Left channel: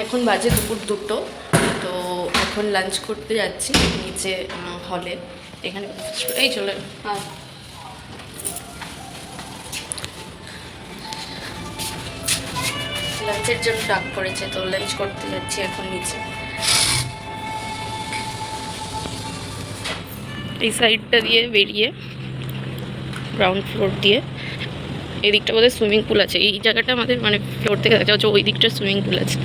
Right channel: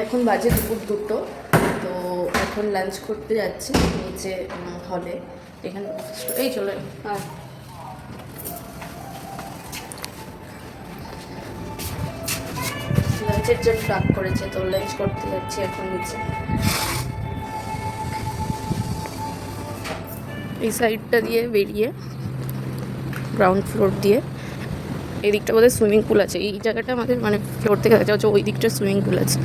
এখন বাজে দুপুর 2টো। তো এখন লাঞ্চ করতে যাচ্ছি নিচে হলে। এখানে এই চলে লাঞ্চের জন্য ডাক করেছে, তো লাঞ্চ করতে যাচ্ছি এখন নিচে। এই সাইডটা দিয়ে বেরিয়ে গ্রাউন্ড ফ্লোর দিয়ে এই দিকটা বোধহয় সুইমিং পুল আছে। এই জায়গাটা আমাদের মানে ফ্লোর থেকে দেখা যাচ্ছে, ওই দিকটা সুইমিং পুল আছে।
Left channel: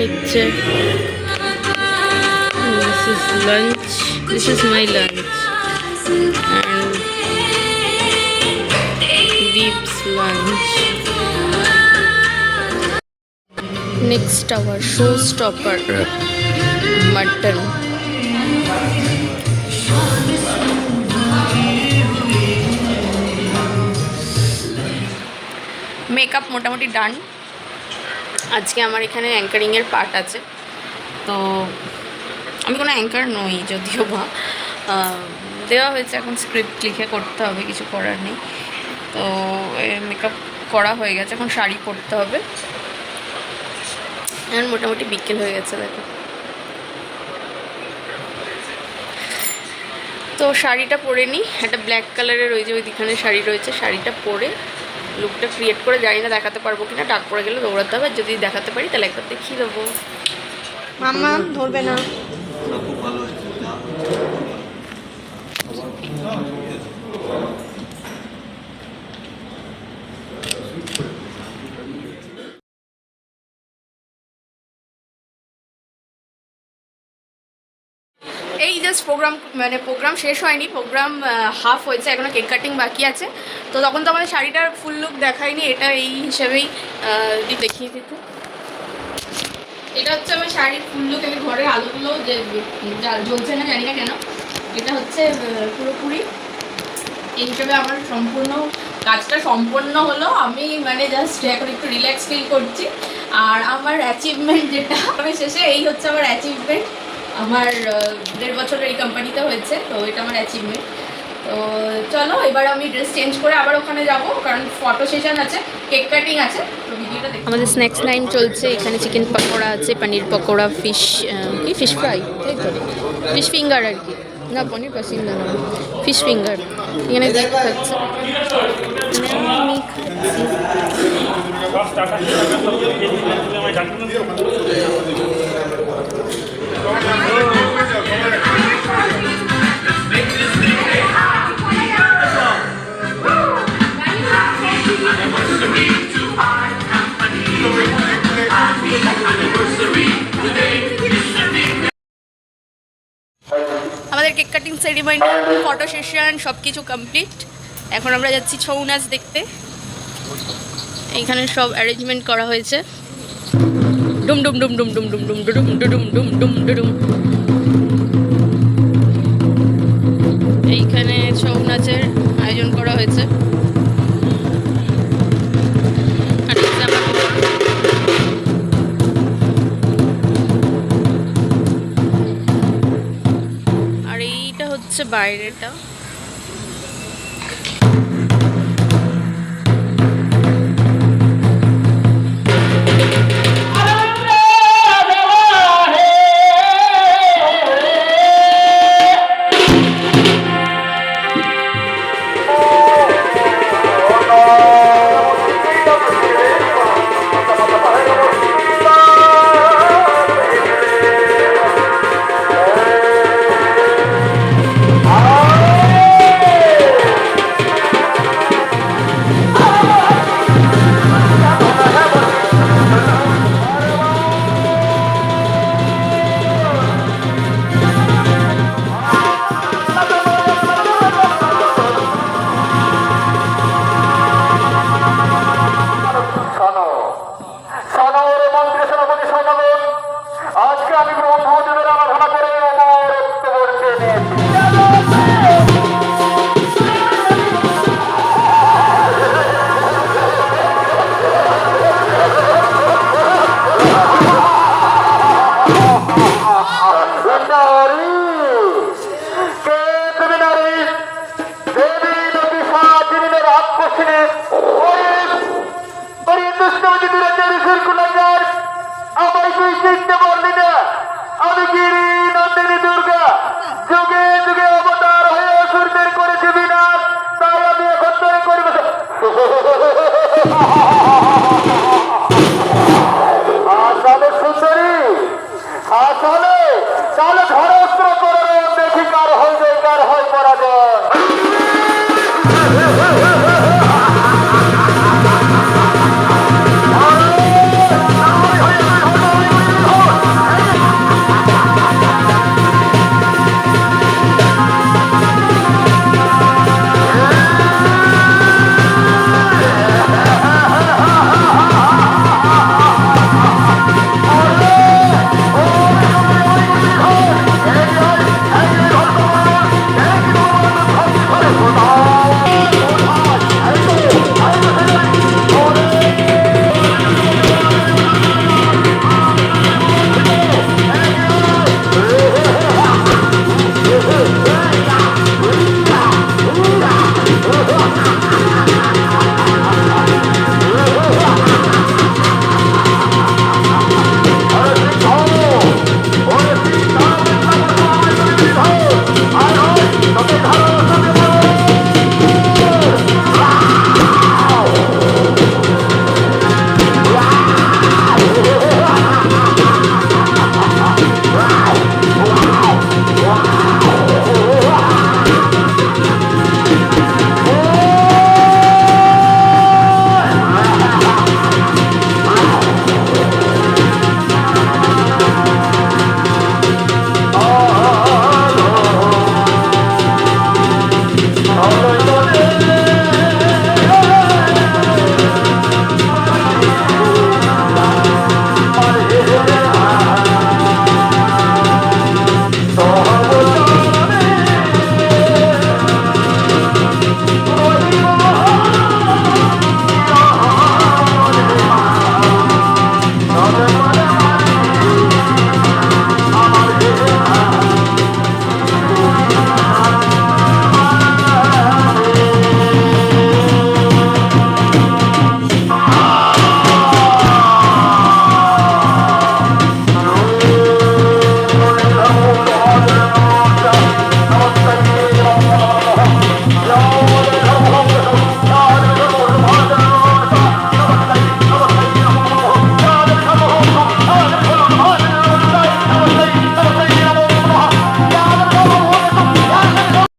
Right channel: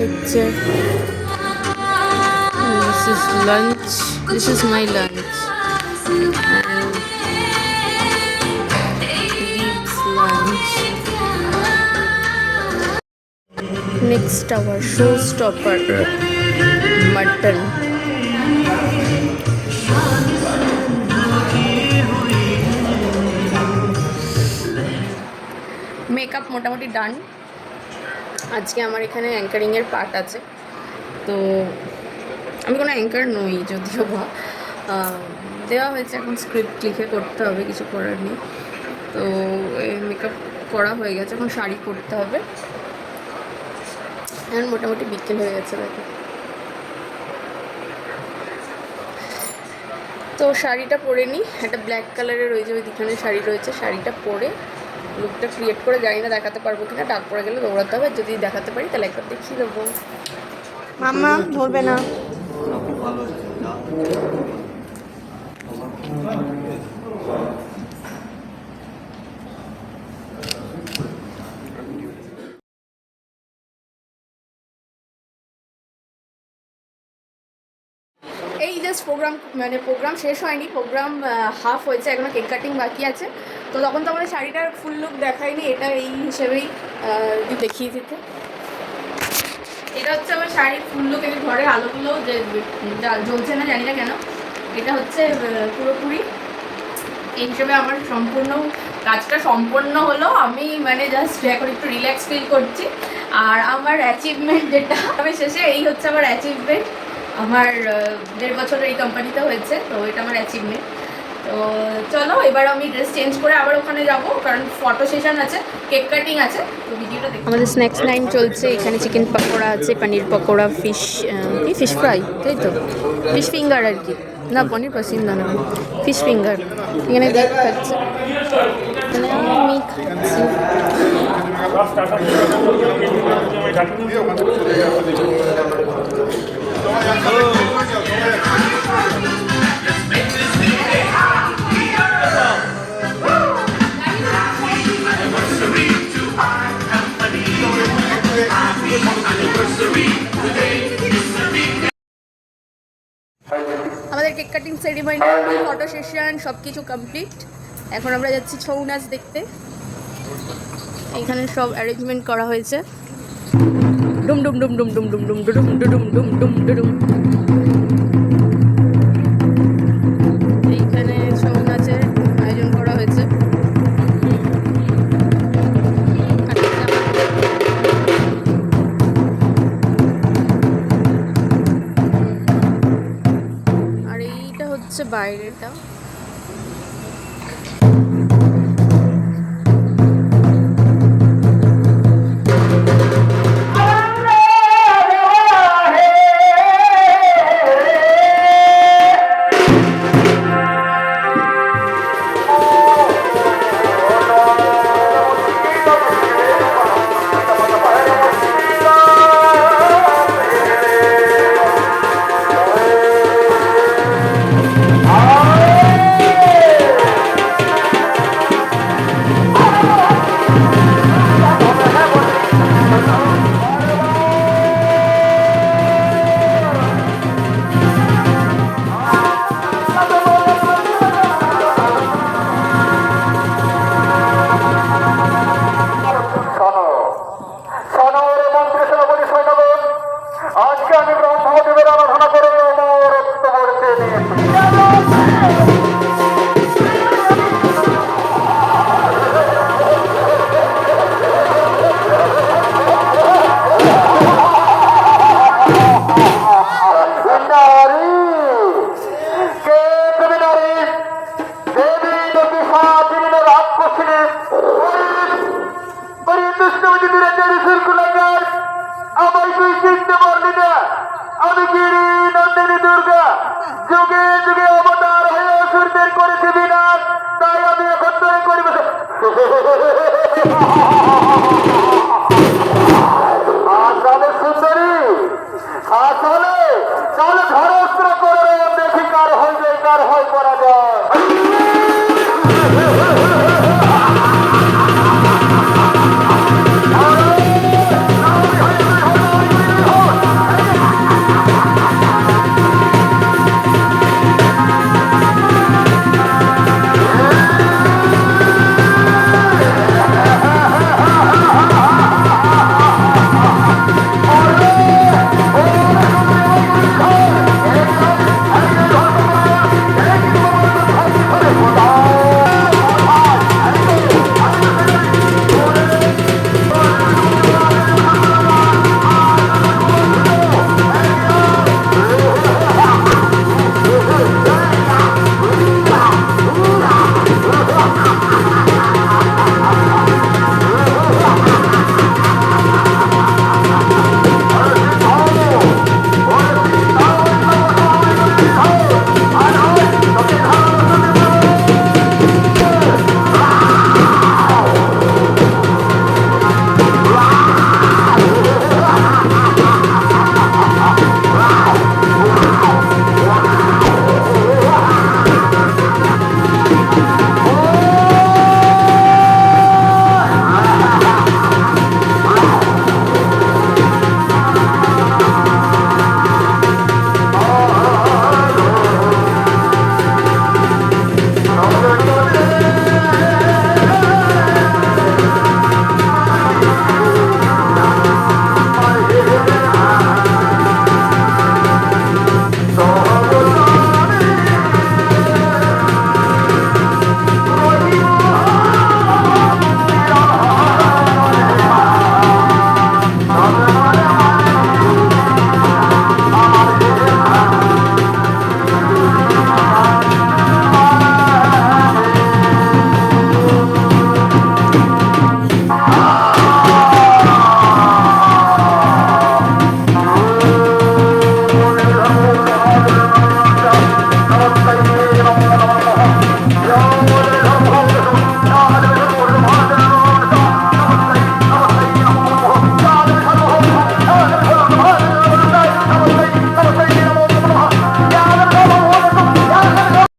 নিচ্ছে। This is lunch. This is my lunch and Deep's lunch. Next our showstopper, mutton. Makeup মোটামুটি ডান। আজকে আমার এখানে অ্যাঙ্কারিংয়ের পার্ট আছে, তো আমি কোনো অ্যাঙ্কার নই যদিও বা দেওয়া হয়েছে, এখন স্ক্রিপ্ট লিখে করতে হবে, কিছু করার নেই। তো মেকআপ করা হয়ে গেছে, এখন শাড়ি পরতে হবে। এখন মোটামুটি বিকেল হয়ে গেছে দেখো। তো শাড়িটা পরে নিই, একটা ব্ল্যাক কালারের ওই যে ওইখানে শাড়ি রয়েছে, শাড়িটা পরে লুকটা ক্রিয়েট করে, জানি না দেখাতে পারবো কিনা, ডাক পড়ে গেলে দৌড়াতে হবে। যদি দেখাতে পারি তাহলে একবার দেখিয়ে দেবো। মাম্মা ধরবে না। এই জাস্ট প্রোগ্রাম শেষ হয়নি, প্রোগ্রাম হাফ হয়েছে, এখনো কেক কাটিং বাকি আছে। তো তখন তো আমাদের শাড়িটার ফুল লুক দেখায়নি, এটা এই হিসেবেই দেখিয়ে দিত। এটা হচ্ছে আমার শাড়ির ফুল লুক। এর ঘরে আলোগুলো যে জ্বলছে না, জানি না কেন। এটা হচ্ছে পুরোপুরি এই হিসেবে আমার সম্পূর্ণ কাজটা সম্পন্ন হলো। আমি মানে জাস্ট এখন একটু রিল্যাক্স ফিল করছি। আর আমার অ্যাচিভমেন্ট যেটা আমি শেষে, এই হচ্ছে আমার অ্যাচিভমেন্ট। আমার 1.5 বছর এই কোম্পানিতে হয়েছে, তো এটা আমার অ্যাচিভমেন্ট। তো চলো এবার আমি ড্রেস চেঞ্জ করে আবার ওখানে যাব, কারণ ফটো সেশন আছে, কেক কাটিং আছে। তো ভিডিওটা দেখো। আমাদের স্ন্যাক্স টাইম চলছে। এখানে চিকেন পকোড়া আছে, পনির পকোড়া, ফিশ ফ্রাই, তাই তো ফিশ ফিঙ্গার আর কি, না পনির পছন্দ না, ফিশ ফিঙ্গার। এখানে দেখ খাচ্ছে, আমি খাচ্ছি। আমাদের cake cutting ceremony, photo session সব কিছু কমপ্লিট। এখন আমরা যাচ্ছি ছৌ নাচ দেখতে। এইখানে সব অ্যারেঞ্জমেন্ট করা হয়েছে, ডুম ডুম ডুম ডুম ডুম ডুম ডুম ডুম ডুম ডুম ডুম ডুম। এইখানে ছৌ নাচের আয়োজন করা হয়েছে। আর এইটা হচ্ছে বাইরেটা।